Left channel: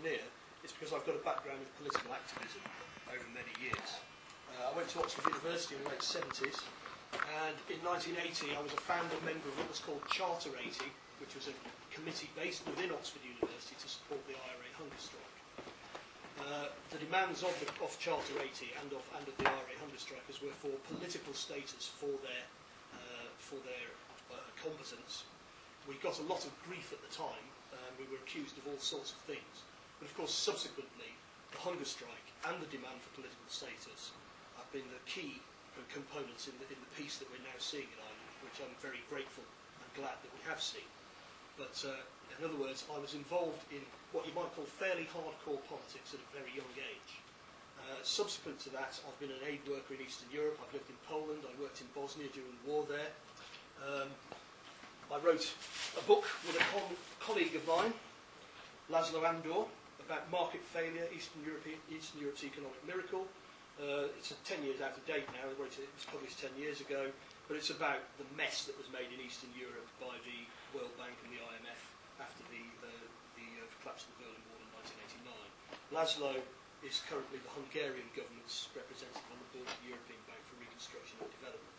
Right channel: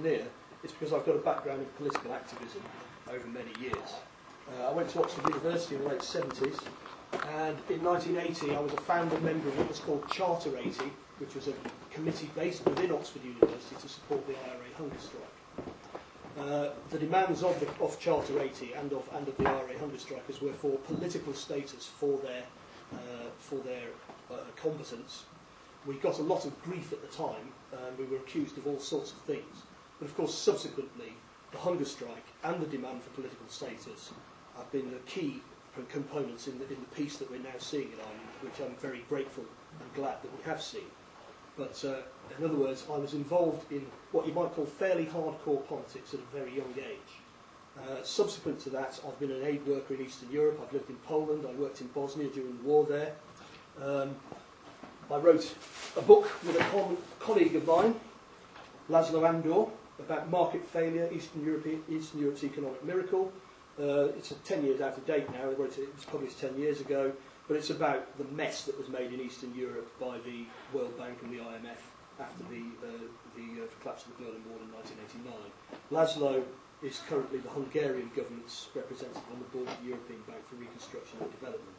engineer, it's because I've got a background in political activism over many years. I went to Oxford University in the late 70s, and in 1980 I was a founder member of what was called Charter 80, which was a committee based within Oxford University to support the IRA hunger strike. The demands of Charter 80 and of the IRA hunger strikers were for political status for their combatants. We got a lot of grief at the time, and we were accused of all sorts of things. But of course, subsequently, the hunger strike and the demand for political status have been the key components in the peace that we're now seeing in Ireland, which I'm very grateful and glad that we have seen. But in other words, I was involved in what you might call fairly hardcore politics at a very young age. Subsequent to that, I've been an aid worker in Eastern Europe. I've lived in Poland. I worked in Bosnia during the war there. I wrote a book with a colleague of mine, Aldo, about market failure, Eastern Europe's economic miracle. It's 10 years out of date now. It was published 10 years ago, but it's about the mess that was made in Eastern Europe by the World Bank and the IMF after the collapse of the Berlin Wall in 1989. Laszlo is currently the Hungarian government's representative on the board of the European Bank for Reconstruction and Development.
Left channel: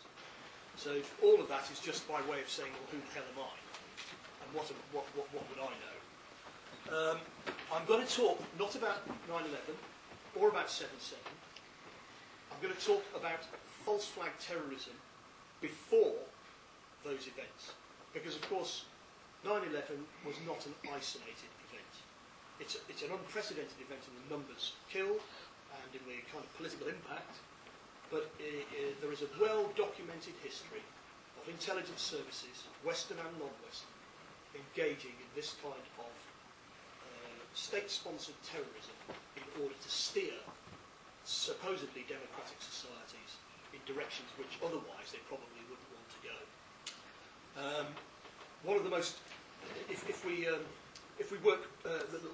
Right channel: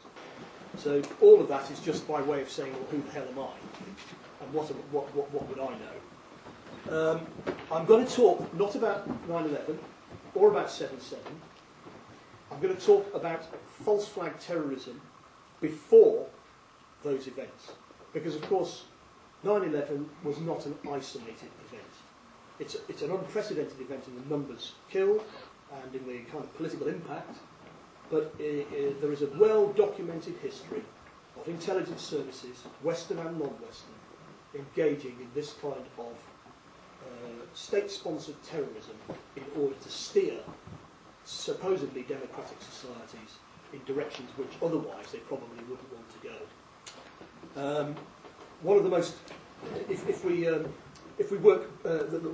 So all of that is just by way of saying, well, who the hell am I? And what would I know? I'm going to talk not about 9/11 or about 7/7. I'm going to talk about false flag terrorism before those events. Because, of course, 9/11 was not an isolated event. It's an unprecedented event in the numbers killed and in the kind of political impact. But there is a well-documented history of intelligence services, Western and non-Western, engaging in this kind of state-sponsored terrorism in order to steer supposedly democratic societies in directions which otherwise they probably wouldn't want to go. One of the most, if we work,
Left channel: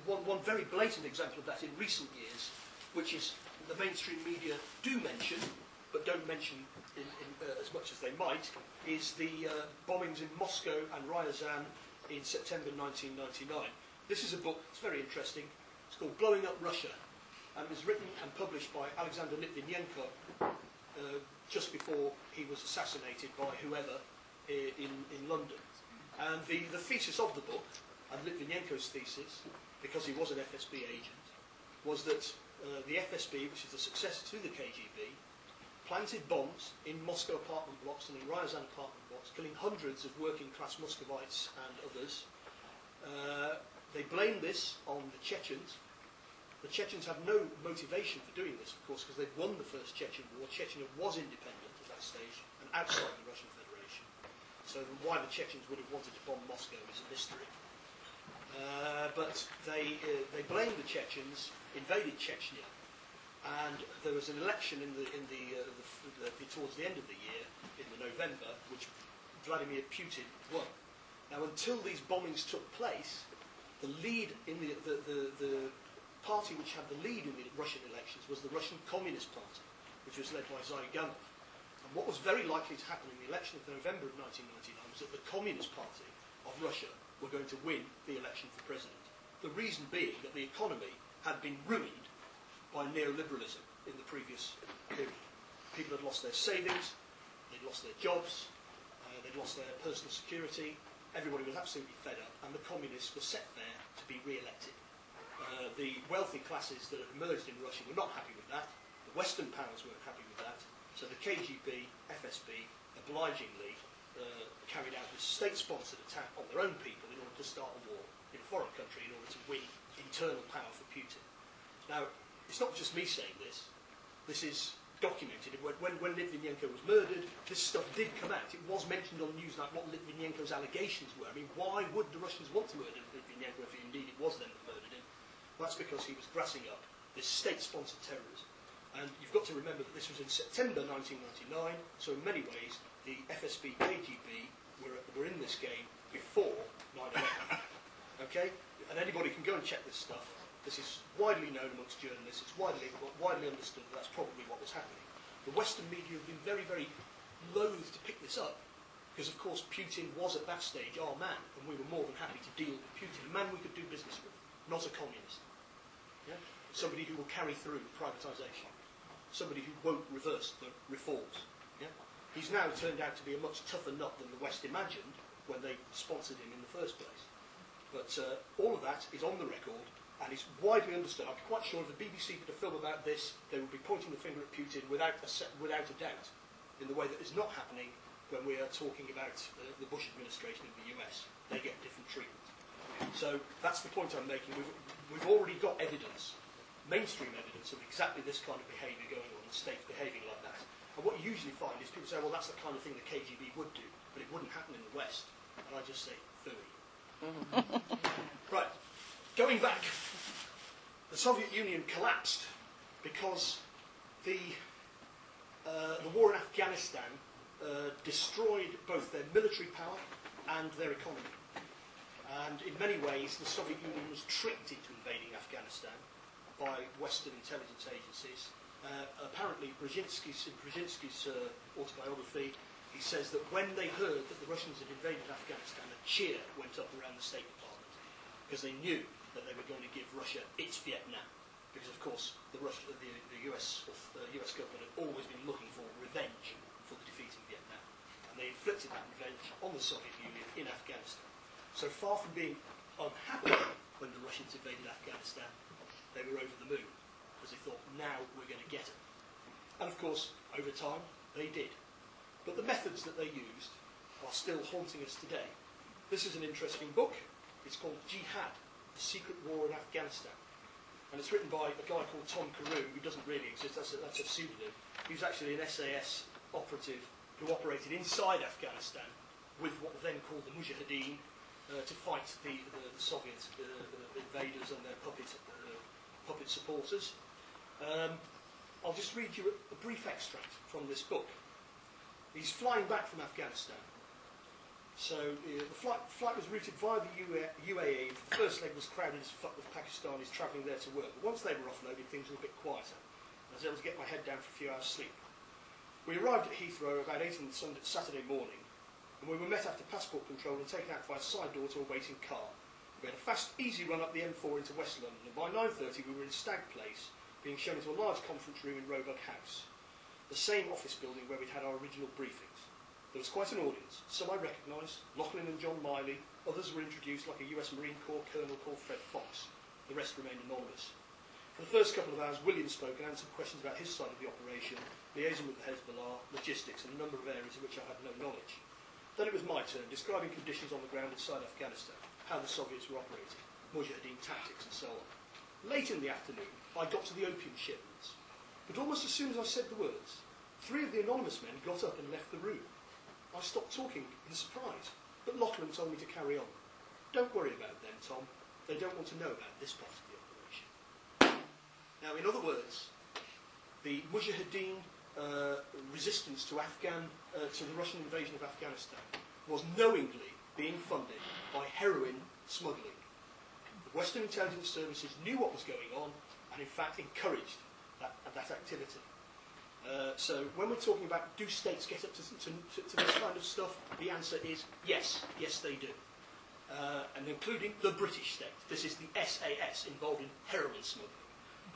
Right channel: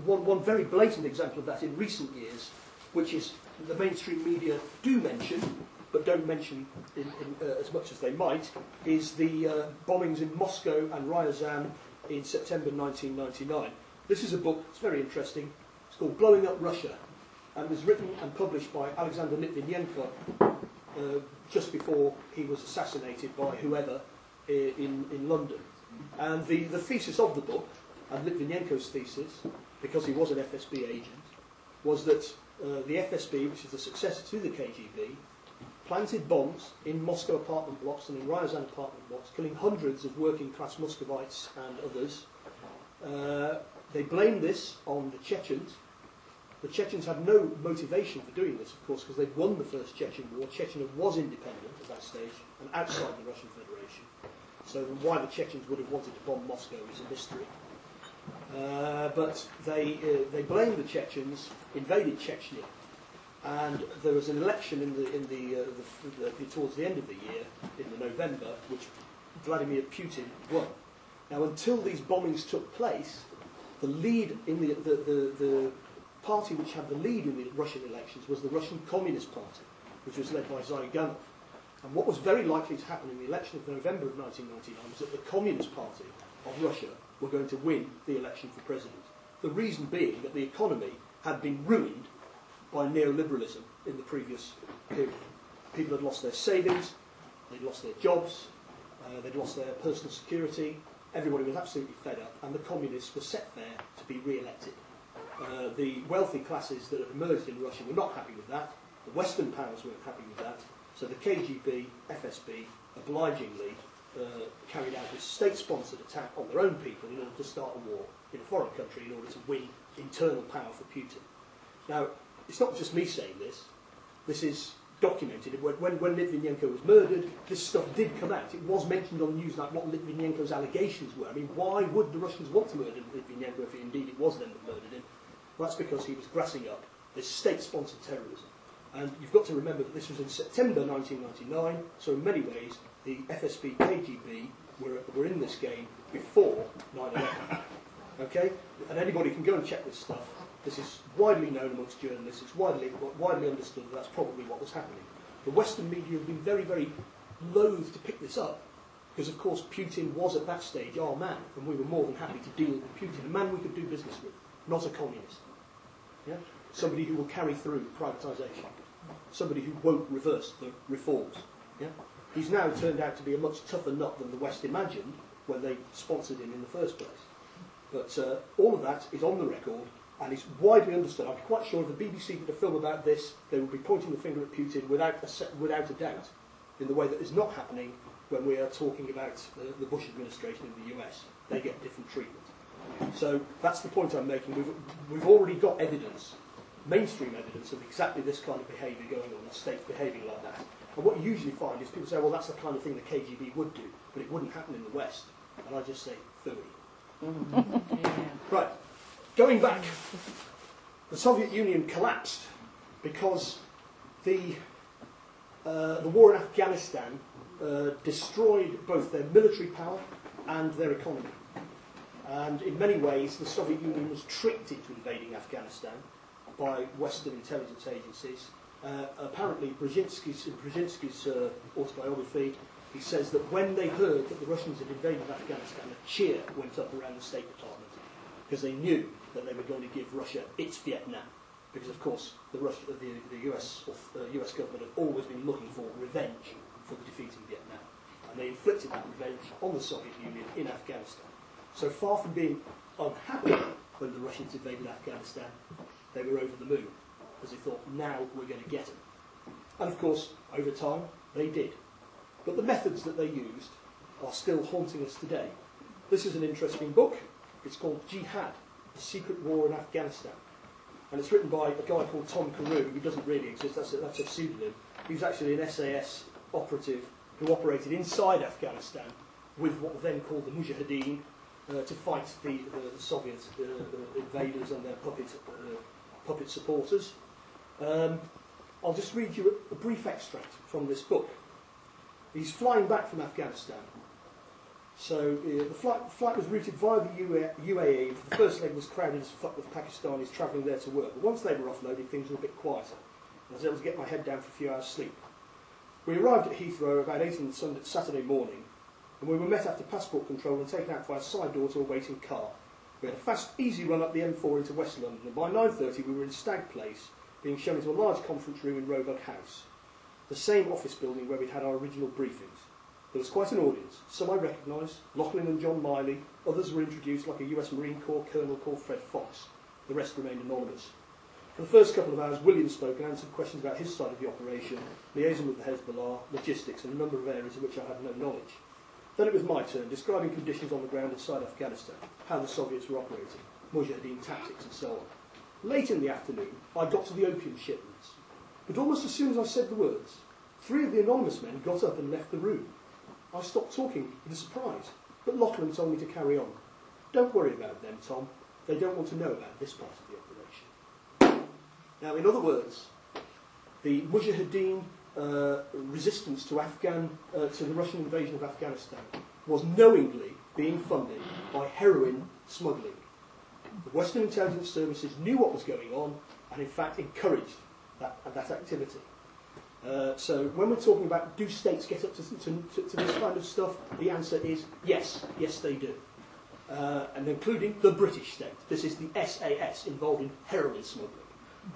one very blatant example of that in recent years, which is the mainstream media do mention, but don't mention as much as they might, is the bombings in Moscow and Ryazan in September 1999. This is a book, it's very interesting, it's called Blowing Up Russia, and it was written and published by Alexander Litvinenko just before he was assassinated by whoever in London. And the thesis of the book, and Litvinenko's thesis, because he was an FSB agent, was that the FSB, which is the successor to the KGB, planted bombs in Moscow apartment blocks and in Ryazan apartment blocks, killing hundreds of working-class Muscovites and others. They blamed this on the Chechens. The Chechens had no motivation for doing this, of course, because they'd won the first Chechen war. Chechnya was independent at that stage and outside the Russian Federation. So why the Chechens would have wanted to bomb Moscow is a mystery. But they blamed the Chechens, invaded Chechnya, and there was an election towards the end of the year, in November, which Vladimir Putin won. Now, until these bombings took place, the lead in the party which had the lead in the Russian elections was the Russian Communist Party, which was led by Zyganov. And what was very likely to happen in the election of November of 1999 was that the Communist Party of Russia were going to win the election for president. The reason being that the economy had been ruined by neoliberalism in the previous period. People had lost their savings, they'd lost their jobs, they'd lost their personal security. Everybody was absolutely fed up, and the communists were set there to be re-elected. The wealthy classes that had emerged in Russia were not happy with that. The Western powers weren't happy with that. So the KGB, FSB, obligingly carried out this state-sponsored attack on their own people in order to start a war in a foreign country in order to win internal power for Putin. Now, it's not just me saying this. This is documented. When Litvinenko was murdered, this stuff did come out. It was mentioned on the news like what Litvinenko's allegations were. I mean, why would the Russians want to murder Litvinenko if indeed it was them that murdered him? Well, that's because he was grassing up this state-sponsored terrorism. And you've got to remember that this was in September 1999, so in many ways the FSB, KGB were in this game before 9/11. Okay? And anybody can go and check this stuff. This is widely known amongst journalists. It's widely understood that that's probably what was happening. The Western media have been very, very loath to pick this up because, of course, Putin was at that stage our man, and we were more than happy to deal with Putin, a man we could do business with, not a communist. Yeah? Somebody who will carry through privatisation. Somebody who won't reverse the reforms. Yeah? He's now turned out to be a much tougher nut than the West imagined when they sponsored him in the first place. But all of that is on the record and is widely understood. I'm quite sure if the BBC did a film about this, they would be pointing the finger at Putin without a doubt, in the way that is not happening when we are talking about the Bush administration in the US. They get different treatment. So that's the point I'm making. We've already got evidence, mainstream evidence, of exactly this kind of behaviour going on, and states behaving like that. And what you usually find is people say, well, that's the kind of thing the KGB would do, but it wouldn't happen in the West. And I just say, phooey. Right, going back, the Soviet Union collapsed because the war in Afghanistan destroyed both their military power and their economy. And in many ways, the Soviet Union was tricked into invading Afghanistan by Western intelligence agencies. Apparently, in Brzezinski's autobiography, he says that when they heard that the Russians had invaded Afghanistan, a cheer went up around the State Department because they knew that they were going to give Russia its Vietnam. Because, of course, the US government had always been looking for revenge for the defeat in Vietnam. And they inflicted that revenge on the Soviet Union in Afghanistan. So far from being unhappy when the Russians invaded Afghanistan, they were over the moon, because they thought, now we're going to get them. And of course, over time, they did. But the methods that they used are still haunting us today. This is an interesting book. It's called Jihad, The Secret War in Afghanistan. And it's written by a guy called Tom Carew, who doesn't really exist, that's a pseudonym. He was actually an SAS operative who operated inside Afghanistan with what were then called the Mujahideen, to fight the Soviet invaders and their puppet supporters. I'll just read you a brief extract from this book. He's flying back from Afghanistan. So the flight was routed via the UAE. The first leg was crowded as fuck with Pakistanis travelling there to work. But once they were offloaded, things were a bit quieter. And I was able to get my head down for a few hours' sleep. We arrived at Heathrow about 8 on Saturday morning, and we were met after passport control and taken out by a side door to a waiting car. We had a fast, easy run up the M4 into West London, and by 9:30 we were in Stag Place, being shown into a large conference room in Roebuck House, the same office building where we'd had our original briefings. There was quite an audience. Some I recognised, Lachlan and John Miley. Others were introduced, like a US Marine Corps colonel called Fred Fox. The rest remained anonymous. For the first couple of hours, William spoke and answered questions about his side of the operation, liaison with the Hezbollah, logistics, and a number of areas in which I had no knowledge. Then it was my turn, describing conditions on the ground inside Afghanistan, how the Soviets were operating, Mujahideen tactics, and so on. Late in the afternoon, I got to the opium shipments. But almost as soon as I said the words, 3 of the anonymous men got up and left the room. I stopped talking in surprise, but Lachlan told me to carry on. Don't worry about them, Tom. They don't want to know about this part of the operation. Now, in other words, the Mujahideen resistance to the Russian invasion of Afghanistan was knowingly being funded by heroin smuggling. The Western intelligence services knew what was going on and, in fact, encouraged that activity. So when we're talking about do states get up to this kind of stuff, the answer is yes. Yes, they do. And including the British state. This is the SAS involved in heroin smuggling.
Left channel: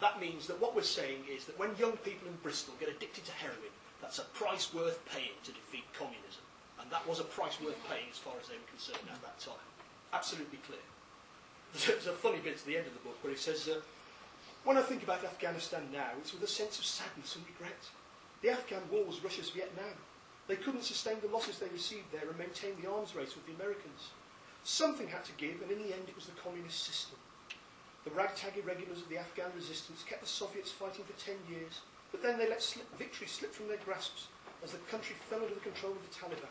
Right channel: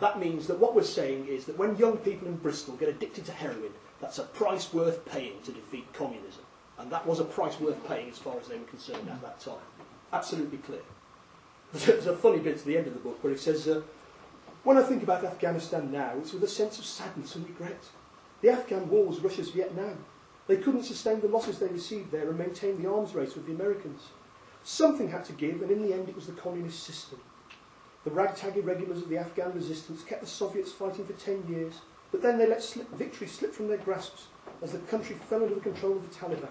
That means that what we're saying is that when young people in Bristol get addicted to heroin, that's a price worth paying to defeat communism. And that was a price worth paying as far as they were concerned at that time. Absolutely clear. There's a funny bit at the end of the book where it says, when I think about Afghanistan now, it's with a sense of sadness and regret. The Afghan war was Russia's Vietnam. They couldn't sustain the losses they received there and maintain the arms race with the Americans. Something had to give, and in the end it was the communist system. The ragtag irregulars of the Afghan resistance kept the Soviets fighting for 10 years, but then they let victory slip from their grasps as the country fell under the control of the Taliban.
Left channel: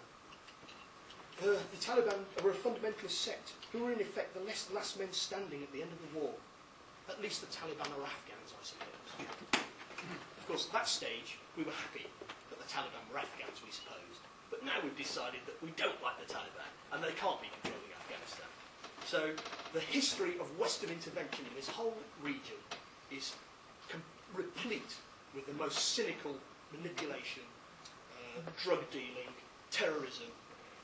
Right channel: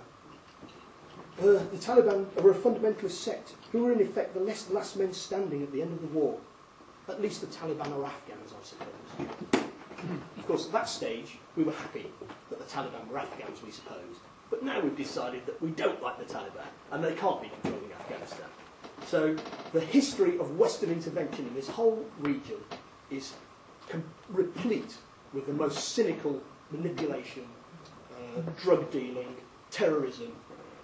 The Taliban were a fundamentalist sect who were in effect the last men standing at the end of the war. At least the Taliban are Afghans, I suppose. Of course, at that stage, we were happy that the Taliban were Afghans, we supposed. But now we've decided that we don't like the Taliban, and they can't be controlling Afghanistan. So the history of Western intervention in this whole region is replete with the most cynical manipulation, drug dealing, terrorism,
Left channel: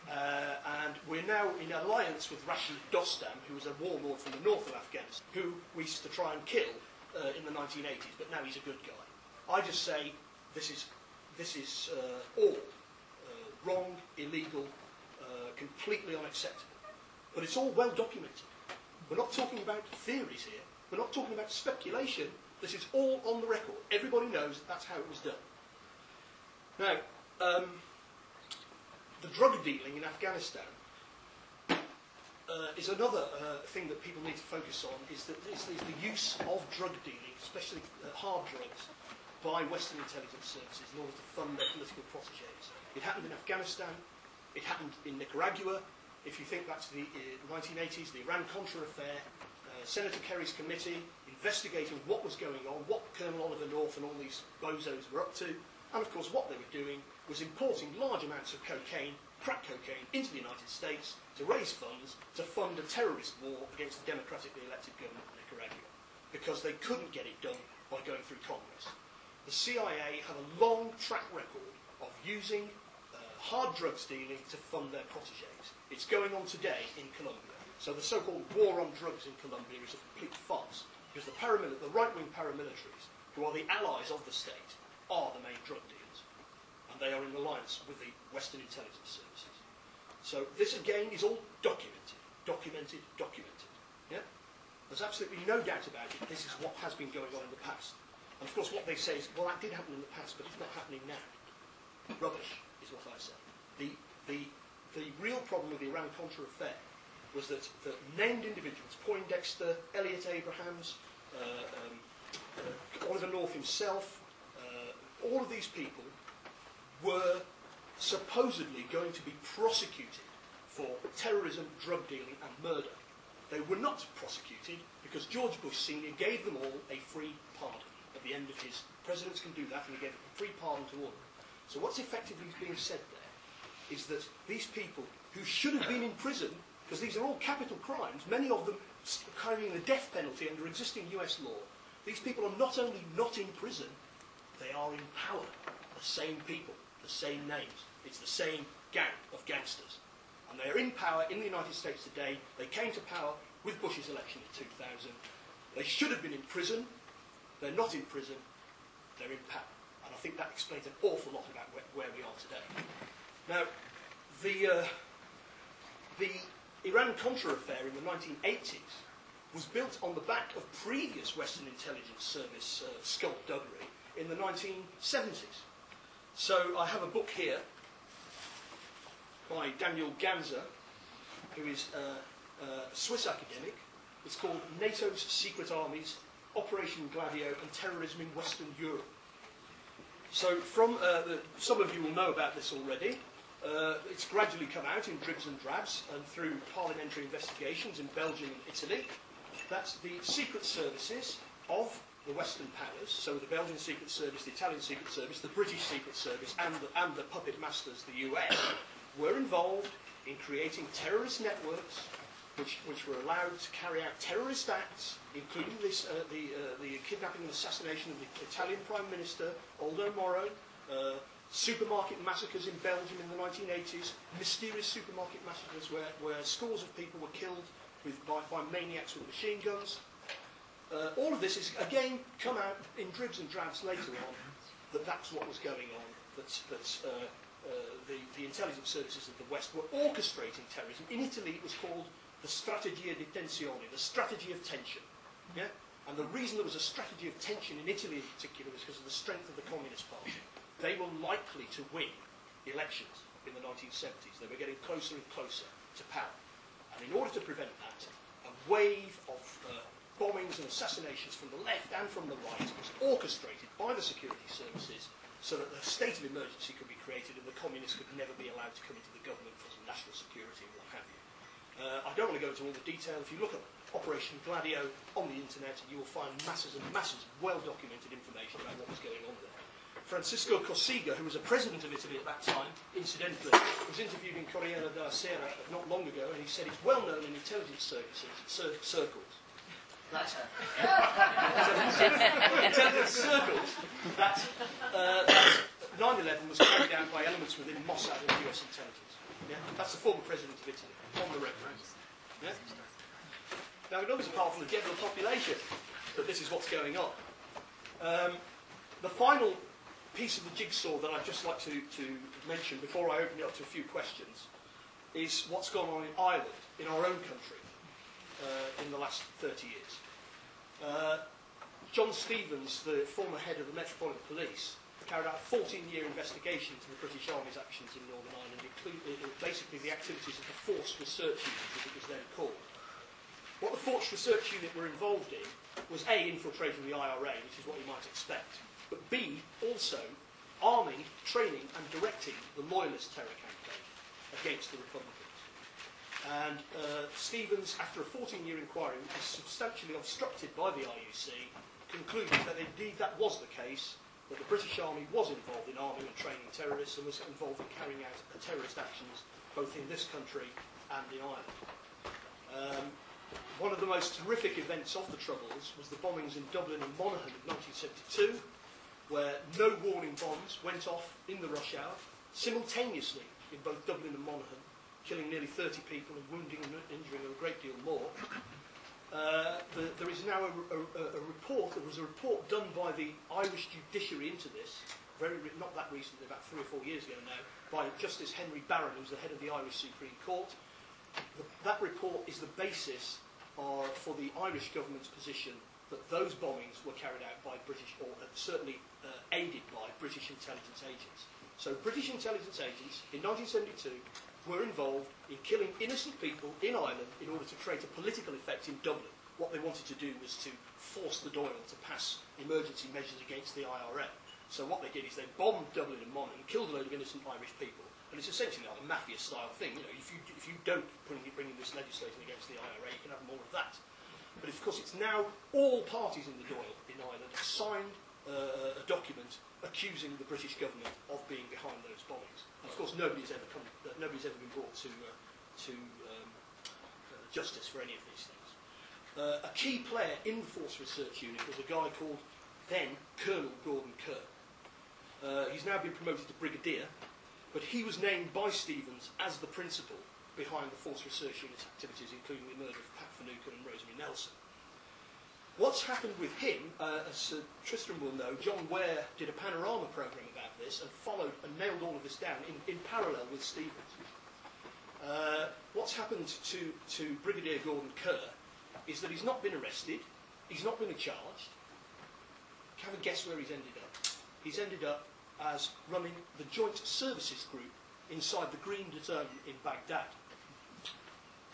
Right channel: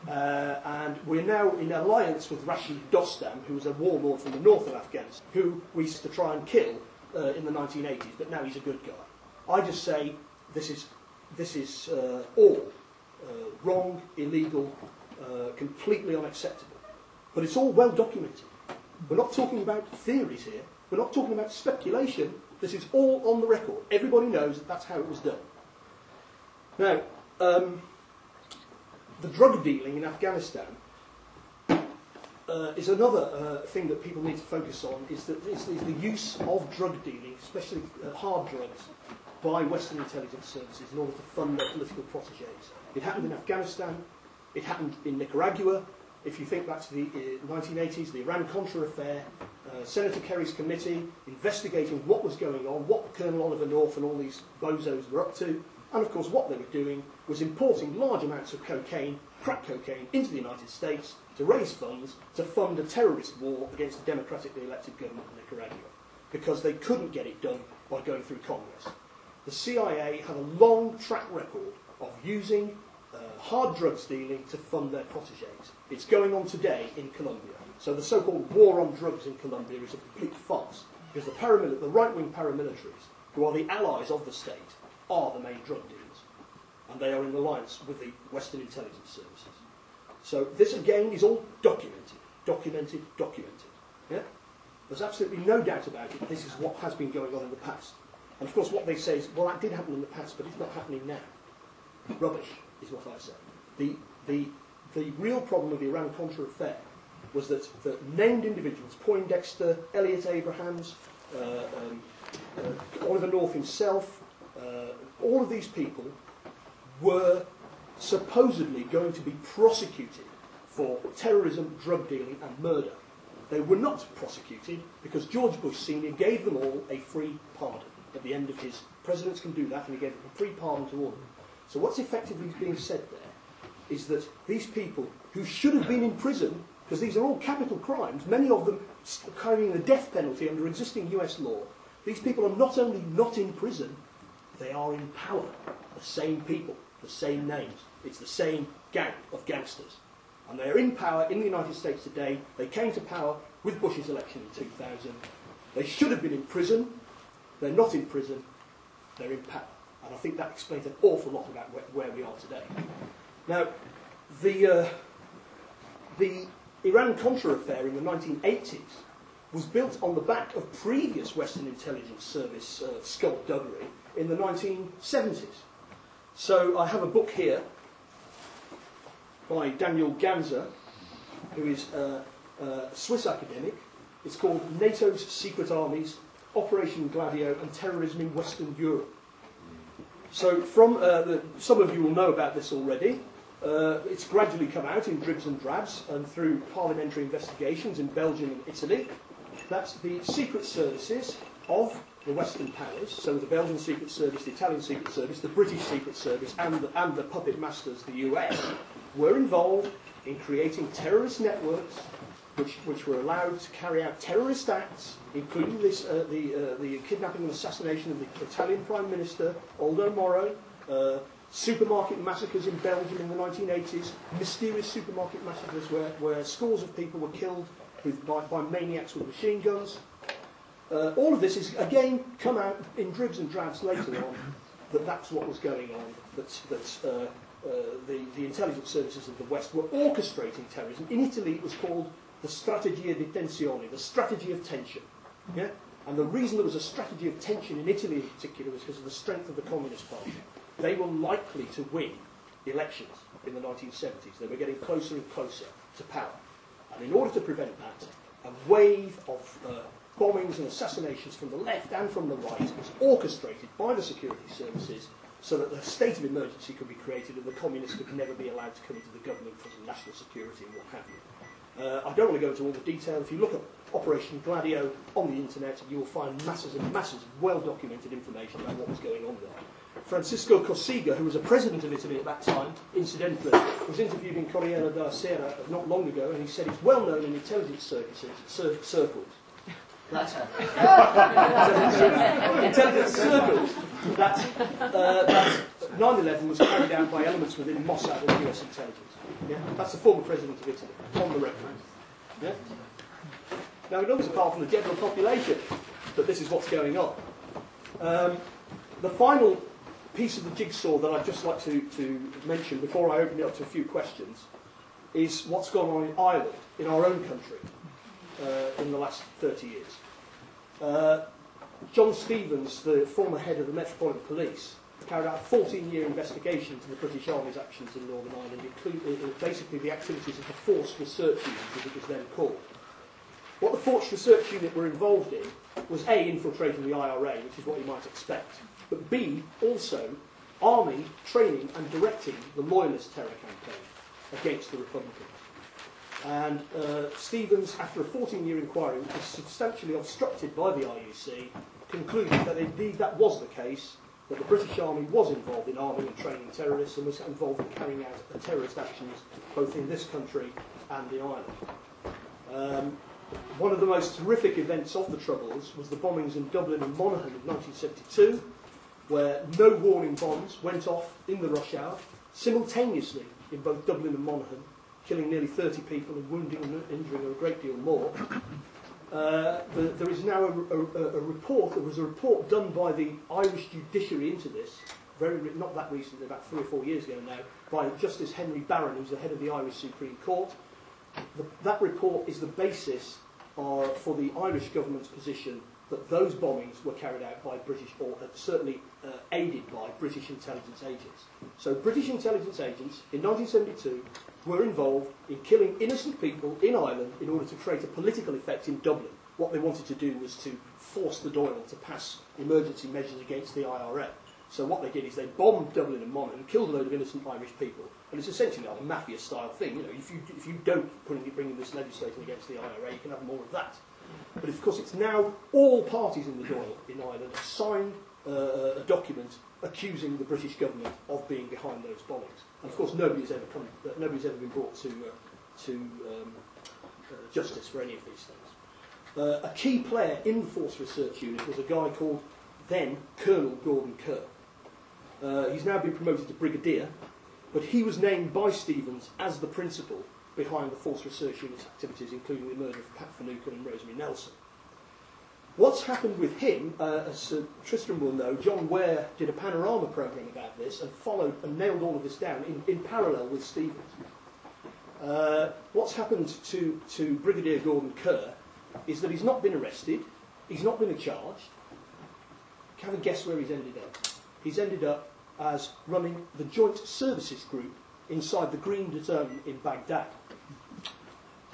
and we're now in alliance with Rashid Dostum, who was a warlord from the north of Afghanistan, who we used to try and kill in the 1980s, but now he's a good guy. I just say this is all wrong, illegal, completely unacceptable. But it's all well documented. We're not talking about theories here. We're not talking about speculation. This is all on the record. Everybody knows that that's how it was done. Now, the drug dealing in Afghanistan is another thing that people need to focus on, is the use of drug dealing, especially hard drugs, by Western intelligence services in order to fund their political protégés. It happened in Afghanistan, it happened in Nicaragua. If you think back to the 1980s, the Iran-Contra affair, Senator Kerry's committee investigating what was going on, what Colonel Oliver North and all these bozos were up to, and of course what they were doing was importing large amounts of cocaine, crack cocaine, into the United States to raise funds to fund a terrorist war against the democratically elected government of Nicaragua, because they couldn't get it done by going through Congress. The CIA had a long track record of using hard drugs dealing to fund their protégés. It's going on today in Colombia. So the so-called war on drugs in Colombia is a complete farce, because the right-wing paramilitaries, who are the allies of the state, are the main drug dealers. And they are in alliance with the Western intelligence services. So this, again, is all documented. Documented. Yeah? There's absolutely no doubt about it. This is what has been going on in the past. And of course what they say is, well, that did happen in the past, but it's not happening now. Rubbish is what I say. The real problem with the Iran-Contra affair was that the named individuals, Poindexter, Elliot Abrahams, Oliver North himself, all of these people were supposedly going to be prosecuted for terrorism, drug dealing and murder. They were not prosecuted because George Bush Sr. gave them all a free pardon. At the end of his, presidents can do that, and he gave them a free pardon to all of them. So what's effectively being said there is that these people who should have been in prison, because these are all capital crimes, many of them carrying the death penalty under existing US law, these people are not only not in prison, they are in power. The same people, the same names. It's the same gang of gangsters. And they are in power in the United States today. They came to power with Bush's election in 2000. They should have been in prison. They're not in prison. They're in power. And I think that explains an awful lot about where we are today. Now, the Iran-Contra affair in the 1980s was built on the back of previous Western intelligence service skullduggery in the 1970s. So I have a book here by Daniel Ganser, who is a Swiss academic. It's called NATO's Secret Armies, Operation Gladio and Terrorism in Western Europe. So from some of you will know about this already. It's gradually come out in dribs and drabs and through parliamentary investigations in Belgium and Italy. That's the secret services of the Western powers, so the Belgian Secret Service, the Italian Secret Service, the British Secret Service and the puppet masters, the US, were involved in creating terrorist networks which were allowed to carry out terrorist acts, including this, the kidnapping and assassination of the Italian Prime Minister, Aldo Moro, supermarket massacres in Belgium in the 1980s, mysterious supermarket massacres where scores of people were killed by maniacs with machine guns. All of this has, again, come out in dribs and drabs later on, that's what was going on, the intelligence services of the West were orchestrating terrorism. In Italy it was called the strategia di tensione, the strategy of tension. Yeah? And the reason there was a strategy of tension in Italy in particular was because of the strength of the Communist Party. They were likely to win elections in the 1970s. They were getting closer and closer to power. And in order to prevent that, a wave of bombings and assassinations from the left and from the right was orchestrated by the security services so that the state of emergency could be created and the communists could never be allowed to come into the government because of national security and what have you. I don't want to go into all the detail. If you look at Operation Gladio on the internet, you will find masses and masses of well-documented information about what was going on there. Francisco Cossiga, who was a president of Italy at that time, incidentally, was interviewed in Corriere della Sera not long ago, and he said it's well known in intelligence circles that 9/11 was carried out by elements within Mossad and US intelligence. Yeah? That's the former president of Italy, on the record. Yeah? Now, it was apart from the general population. that this is what's going on. The final piece of the jigsaw that I'd just like to mention before I open it up to a few questions is what's gone on in Ireland, in our own country, in the last 30 years. John Stevens, the former head of the Metropolitan Police, carried out a 14-year investigation into the British Army's actions in Northern Ireland, including basically the activities of the Forced Research Unit, as it was then called. What the Forced Research Unit were involved in was A, infiltrating the IRA, which is what you might expect, but B, also arming, training and directing the Loyalist terror campaign against the Republicans. And Stevens, after a 14-year inquiry, which was substantially obstructed by the IUC, concluded that indeed that was the case, that the British Army was involved in arming and training terrorists and was involved in carrying out terrorist actions both in this country and in Ireland. One of the most horrific events of the Troubles was the bombings in Dublin and Monaghan in 1972, where no warning bombs went off in the rush hour, simultaneously in both Dublin and Monaghan, killing nearly 30 people and wounding and injuring a great deal more. There is now a report. There was a report done by the Irish judiciary into this, not that recently, about 3 or 4 years ago now, by Justice Henry Barron, who's the head of the Irish Supreme Court. That report is the basis for the Irish government's position that those bombings were carried out by British, or certainly aided by British intelligence agents. So British intelligence agents in 1972 were involved in killing innocent people in Ireland in order to create a political effect in Dublin. What they wanted to do was to force the Dáil to pass emergency measures against the IRA. So what they did is they bombed Dublin and Monaghan, killed a load of innocent Irish people, and it's essentially like a mafia-style thing. You know, if you don't bring in this legislation against the IRA, you can have more of that. But of course, it's now all parties in the Dáil in Ireland have signed a document accusing the British government of being behind those bombings. And of course, nobody's ever been brought to justice for any of these things. A key player in the Force Research Unit was a guy called then Colonel Gordon Kerr. He's now been promoted to Brigadier, but he was named by Stevens as the principal behind the Force Research Unit's activities, including the murder of Pat Finucane and Rosemary Nelson. What's happened with him, as Tristram will know, John Ware did a panorama programme about this and followed and nailed all of this down in parallel with Stevens. What's happened to Brigadier Gordon Kerr is that he's not been arrested, he's not been charged. Have a guess where he's ended up. He's ended up as running the Joint Services Group inside the Green Zone in Baghdad.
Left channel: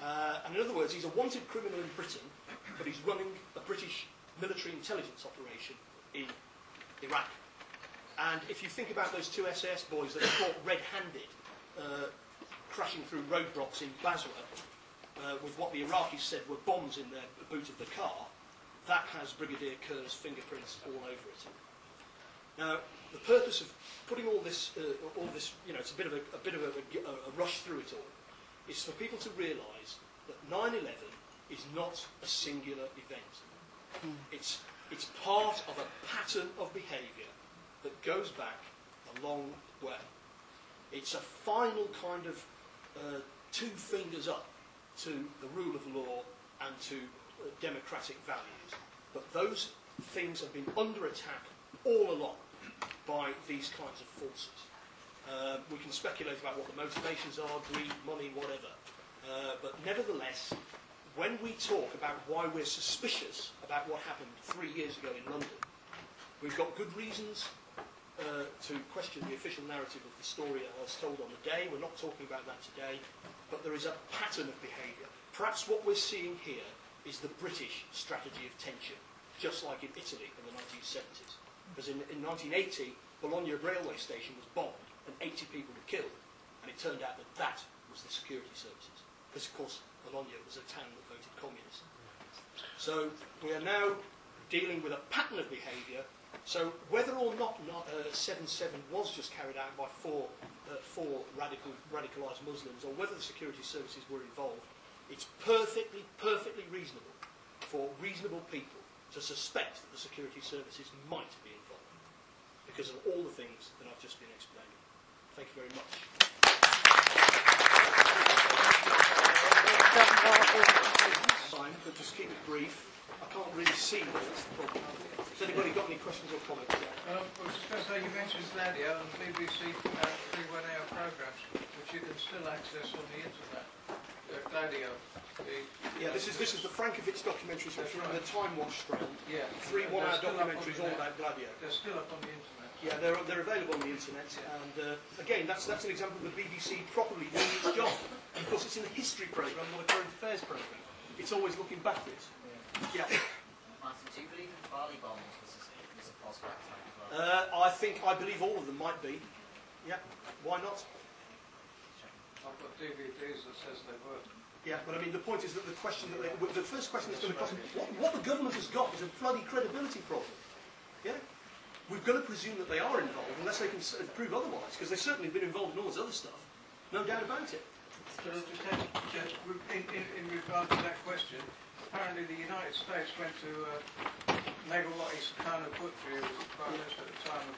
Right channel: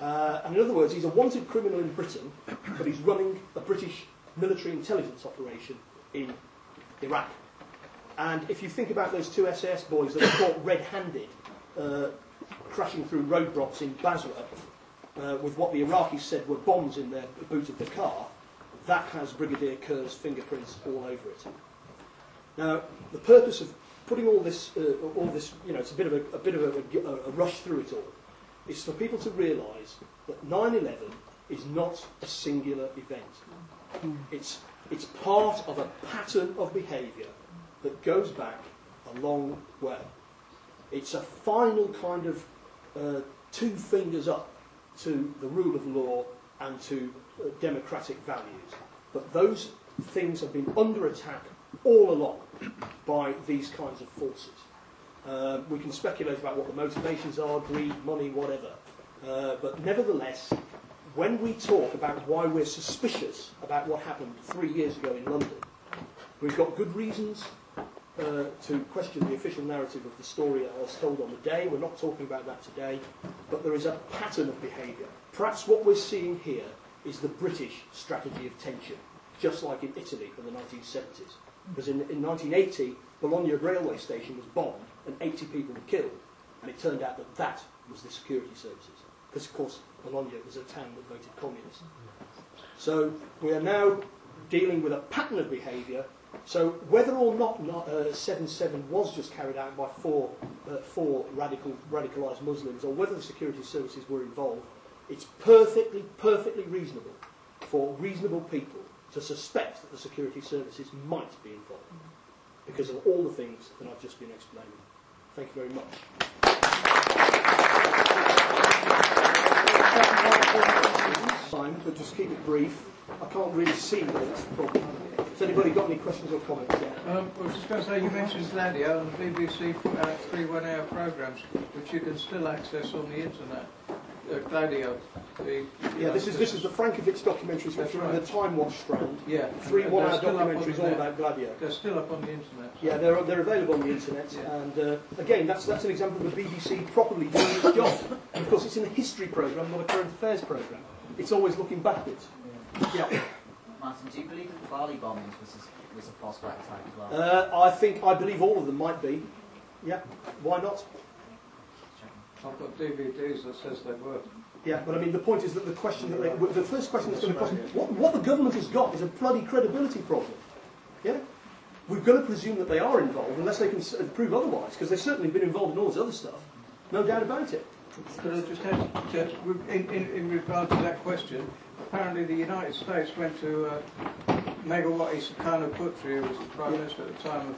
And in other words, he's a wanted criminal in Britain, but he's running a British military intelligence operation in Iraq. And if you think about those two SAS boys that were caught red-handed crashing through roadblocks in Basra with what the Iraqis said were bombs in the boot of the car, that has Brigadier Kerr's fingerprints all over it. Now, the purpose of putting all this, it's a bit of a rush through it all, is for people to realise that 9/11 is not a singular event. It's part of a pattern of behaviour that goes back a long way. It's a final kind of 2 fingers up to the rule of law and to democratic values. But those things have been under attack all along by these kinds of forces. We can speculate about what the motivations are, greed, money, whatever. But nevertheless, when we talk about why we're suspicious about what happened 3 years ago in London, we've got good reasons to question the official narrative of the story that was told on the day. We're not talking about that today, but there is a pattern of behaviour. Perhaps what we're seeing here is the British strategy of tension, just like in Italy in the 1970s. Because in 1980, Bologna railway station was bombed and 80 people were killed, and it turned out that that was the security services. Because, of course, Bologna was a town that voted communist. So we are now dealing with a pattern of behaviour. So whether or not 7/7 was just carried out by four radicalised Muslims, or whether the security services were involved, it's perfectly reasonable for reasonable people to suspect that the security services might be involved because of all the things that I've just been explaining. Thank you very much. Time but just keep it brief. I can't really see that it's a problem. Has anybody got any questions or comments there? I was just going to say, you mentioned Gladio, and the BBC put out 3 one-hour programmes, which you can still access on the internet. Gladio. This is the Frankovich documentaries, which are in the Time Watch strand. Yeah. 3 one-hour documentaries all about Gladio. They're still up on the internet. Yeah, they're available on the internet, and again, that's an example of the BBC properly doing its job. And of course, it's in a history programme, not a current affairs programme. It's always looking backwards. Yeah. Martin, do you believe that the Bali bombings was a false flag attack as well? I believe all of them might be. Yeah, why not? I've got DVDs that says they were. Yeah, but I mean, the point is that the first question that's going to cost, what the government has got is a bloody credibility problem. Yeah? We've got to presume that they are involved, unless they can prove otherwise, because they've certainly been involved in all this other stuff. No doubt about it. But I just had, in regard to that question, apparently the United States went to Megawati Sukarno Putri, who was the Prime Minister at the time of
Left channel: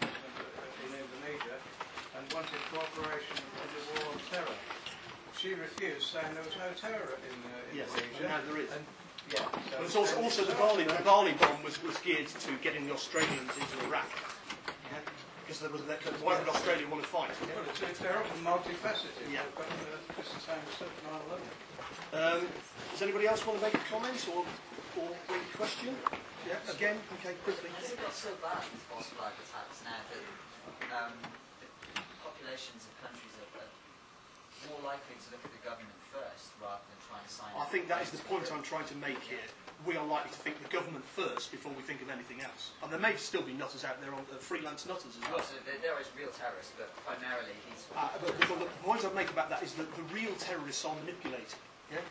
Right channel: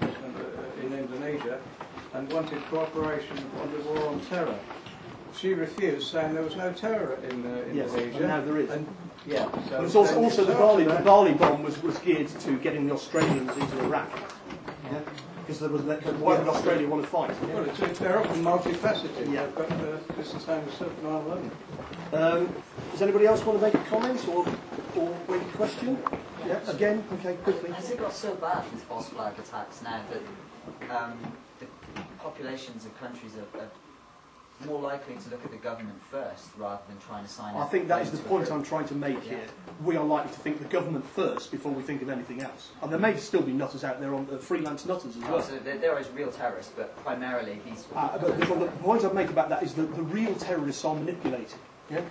President in Indonesia, and wanted cooperation on the war on terror. She refused, saying there was no terror in Indonesia. Yes, and now there is. And, yeah, so but it's also the Bali bomb was geared to getting the Australians into Iraq. Yeah? Because why would Australia want to fight? Yeah? Well, they're often multifaceted. Yeah. But it's the same as 9/11. Does anybody else want to make a comment or make a question? Yeah, again, okay, quickly. Has it got so bad with false flag attacks now that the populations of countries are more likely to look at the government first rather than trying to sign I think that is the point I'm trying to make here. We are likely to think the government first before we think of anything else. And there may still be nutters out there, on freelance nutters as well. So there is real terrorists, but primarily these... But the point I'd make about that is that the real terrorists are manipulated. Yeah?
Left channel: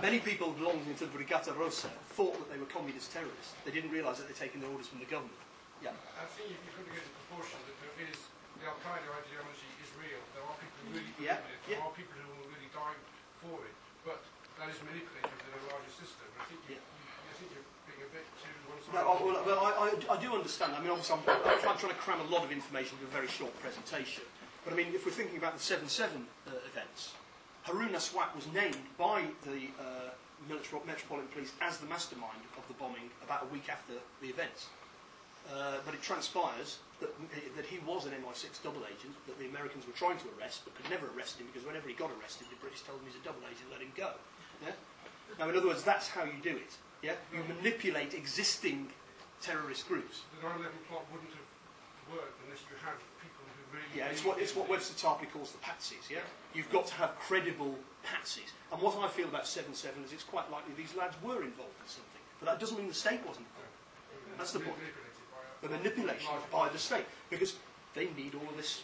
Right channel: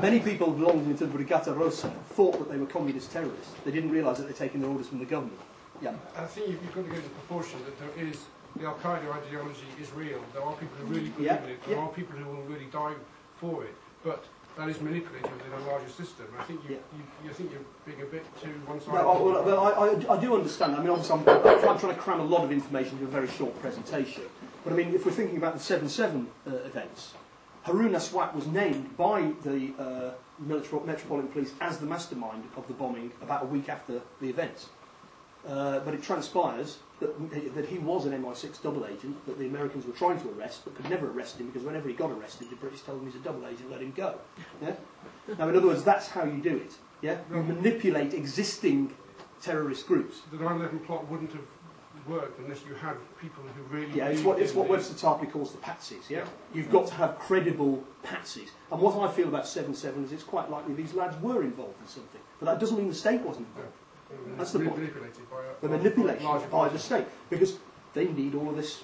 Many people belonging to the Brigata Rossa thought that they were communist terrorists. They didn't realise that they're taking their orders from the government. Yeah. I think you've got to get the proportion that there is... The Al-Qaeda ideology is real. There are people who really believe in it. There are people who will really die for it. But that is manipulated within a larger system. I think you think you're being a bit too one-sided. No, I do understand. I mean, obviously, I'm trying to cram a lot of information into a very short presentation. But I mean, if we're thinking about the 7/7 events, Harun Aswat was named by the Metropolitan Police as the mastermind of the bombing about a week after the events. But it transpires that he was an MI6 double agent that the Americans were trying to arrest but could never arrest him because whenever he got arrested the British told him he's a double agent, let him go. Yeah? Now in other words, that's how you do it. Yeah? You manipulate existing terrorist groups. The 9/11 plot wouldn't have worked unless you had people who really... Yeah, it's what Webster Tarpley calls the patsies. Yeah? You've got to have credible patsies. And what I feel about 7/7 is it's quite likely these lads were involved in something. But that doesn't mean the state wasn't involved. That's the point. The manipulation by the state, because they need all of this.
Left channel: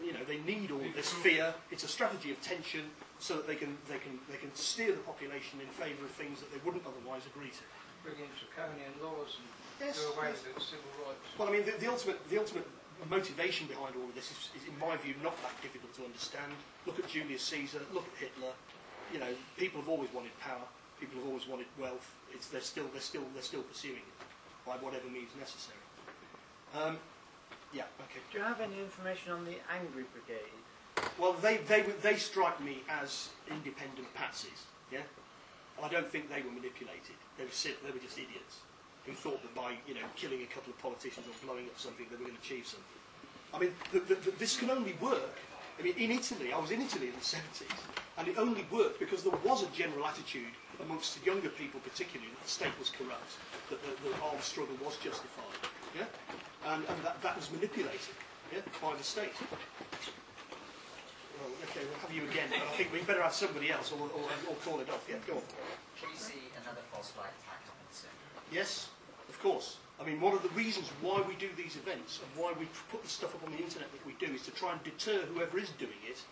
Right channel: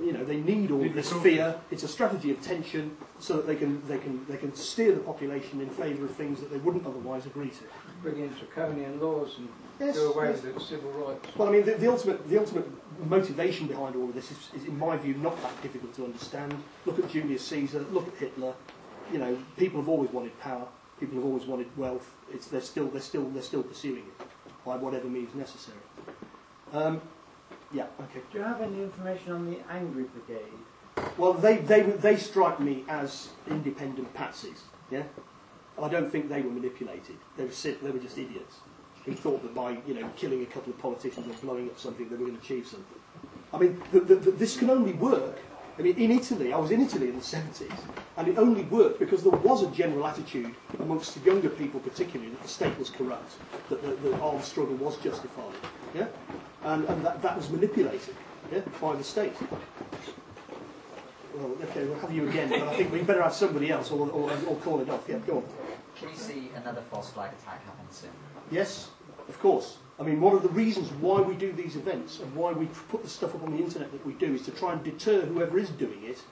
You know, they need all of this fear. It's a strategy of tension, so that they can steer the population in favour of things that they wouldn't otherwise agree to. Bring in draconian laws and do away with its civil rights. Well, I mean, the ultimate motivation behind all of this is, in my view, not that difficult to understand. Look at Julius Caesar. Look at Hitler. You know, people have always wanted power. People have always wanted wealth. They're still pursuing it by whatever means necessary. Yeah, okay. Do you have any information on the Angry Brigade? Well, they strike me as independent patsies. Yeah, I don't think they were manipulated. They were just idiots who thought that by killing a couple of politicians or blowing up something they were going to achieve something. I mean, this can only work. I mean, in Italy, I was in Italy in the 70s, and it only worked because there was a general attitude amongst the younger people, particularly, that the state was corrupt, that the armed struggle was justified. Yeah. And that was manipulated, yeah, by the state. Well, okay, we'll have you again, but I think we better have somebody else or call it off. Yeah, go on. Can you see another false flag attack happen soon? Yes, of course. I mean, one of the reasons why we do these events and why we put the stuff up on the internet that we do is to try and deter whoever is doing it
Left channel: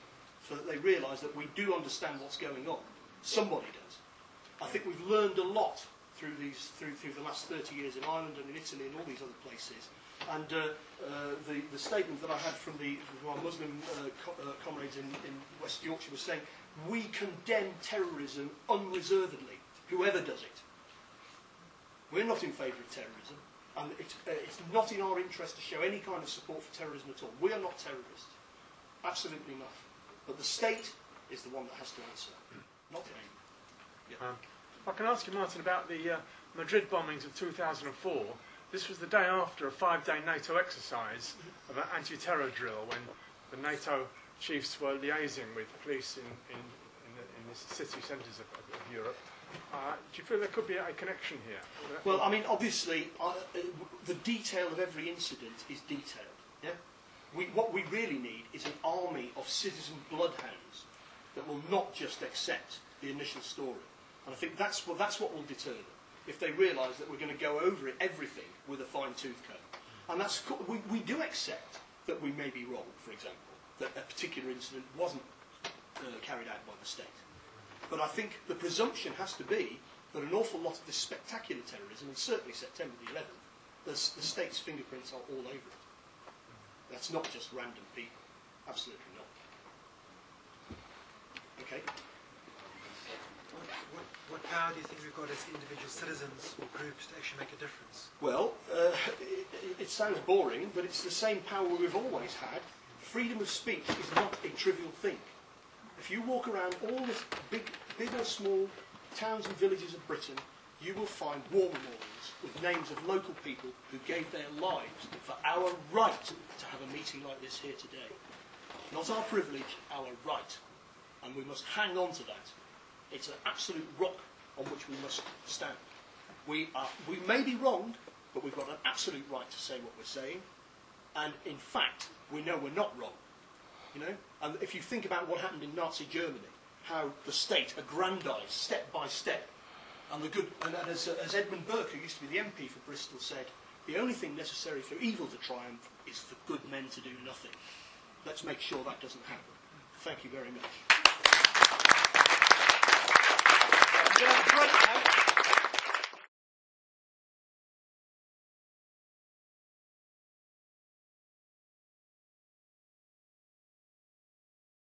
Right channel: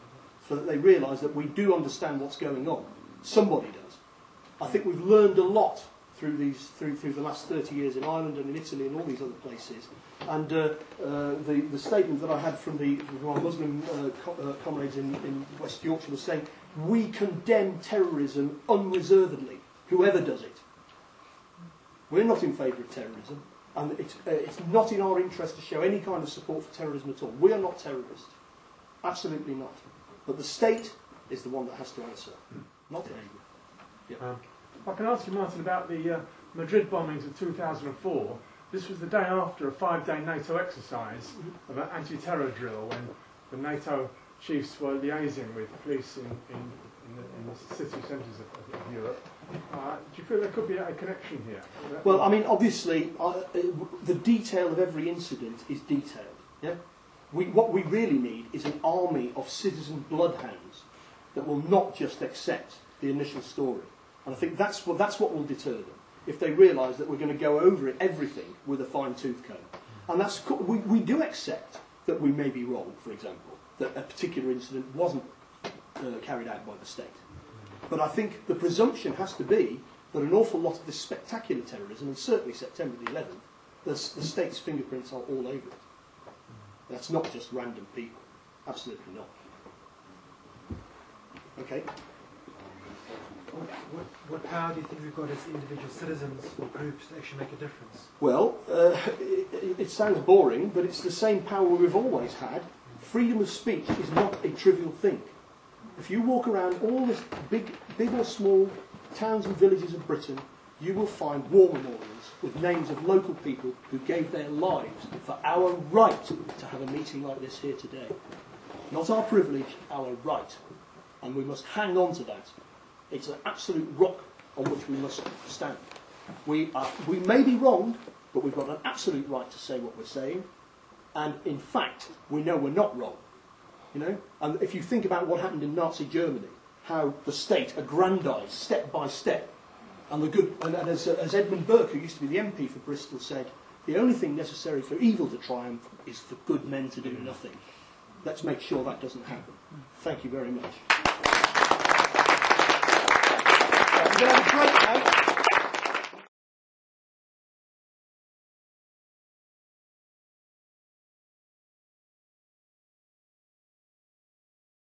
so that they realise that we do understand what's going on. Somebody does. I think we've learned a lot through the last 30 years in Ireland and in Italy and all these other places. And the statement that I had from our Muslim comrades in West Yorkshire was saying, we condemn terrorism unreservedly, whoever does it. We're not in favour of terrorism, and it's not in our interest to show any kind of support for terrorism at all. We are not terrorists. Absolutely not. But the state is the one that has to answer, not the Angry. Yeah. I can ask you, Martin, about the Madrid bombings of 2004. This was the day after a 5-day NATO exercise of an anti-terror drill when the NATO chiefs were liaising with police in the city centres of Europe. Do you feel there could be a connection here? Well, I mean, obviously, the detail of every incident is detailed. Yeah? What we really need is an army of citizen bloodhounds that will not just accept the initial story. And I think that's what will deter them, if they realise that we're going to go over everything with a fine-tooth comb. And we do accept that we may be wrong, for example, that a particular incident wasn't carried out by the state. But I think the presumption has to be that an awful lot of this spectacular terrorism, and certainly September the 11th, the state's fingerprints are all over it. That's not just random people. Absolutely not. Okay. What power do you think we've got as individual citizens or groups to actually make a difference? Well, it sounds boring, but it's the same power we've always had. Freedom of speech is not a trivial thing. If you walk around all the big or small towns and villages of Britain, you will find war memorials with names of local people who gave their lives for our right to have a meeting like this here today. Not our privilege, our right. And we must hang on to that. It's an absolute rock on which we must stand. We may be wronged, but we've got an absolute right to say what we're saying. And in fact, we know we're not wrong. You know? And if you think about what happened in Nazi Germany, how the state aggrandised step by step, and as Edmund Burke, who used to be the MP for Bristol, said, the only thing necessary for evil to triumph is for good men to do nothing. Let's make sure that doesn't happen. Thank you very much. We're going to have a break now.